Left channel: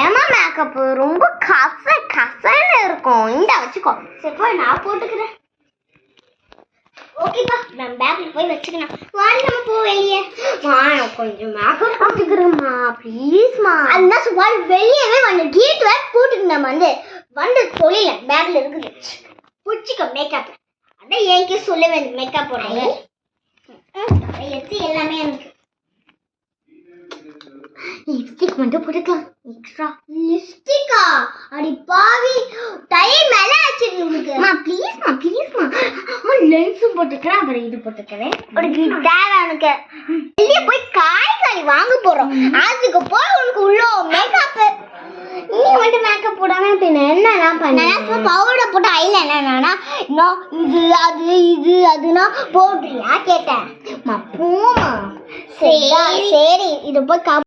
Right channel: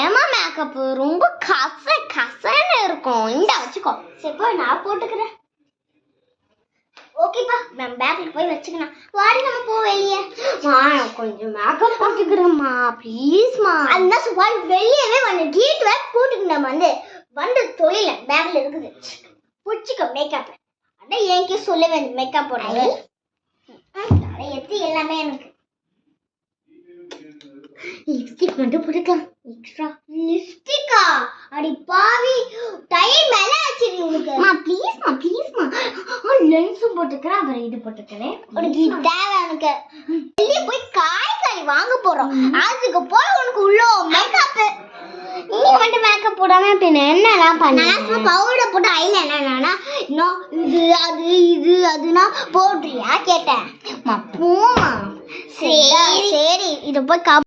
ஏமா மேக்கப் ரொம்ப கசன்னு இருக்கும். இந்த வச்சுக்கோ. சரிப்பா நான் போட்டுக்கிறேன். ஓகேப்பா நான் பேக்ல போய் வச்சுக்கிறேன். வாடி நம்ம போ வெளியே. கொஞ்சம் மேக்கப் போட்டுக்கிறேம்மா ப்ளீஸ்மா. அந்த சுவால் வெளியவே வந்து கேட் வேற போட்டுக்கிட்டேன். வந்து சொல்லல பேக்ல இருக்குது பிடிச்சிக்க மேக்கப். அதான் என்கிட்ட சொல்ல வேண்டிய மேக்கப் போடுங்க. எடுத்து எல்லாமே எனக்கு லிப்ஸ்டிக் மட்டும் போட்டுக்கலாம். எக்ஸ்ட்ரா லிப்ஸ்டிக்கா? அடி பாவி டைம் மேல ஆச்சு உங்களுக்கு. ப்ளீஸ்மா லென்ஸும் போட்டுக்கிறேன். அப்புறம் இது போட்டுக்கிறேன். உனக்கு தேவை. எனக்கு வெளியே போய் காய்கறி வாங்க போறோம். அதுக்கு போய் உனக்கு உள்ள மேக்கப். இன்னைக்கு மட்டும் மேக்கப் போடாம என்ன பண்ண பவுடர் போட்டு ஐல என்னன்னா இது அதுனா போடுறியா கேட்டேன். போமா. சரி இதை போய்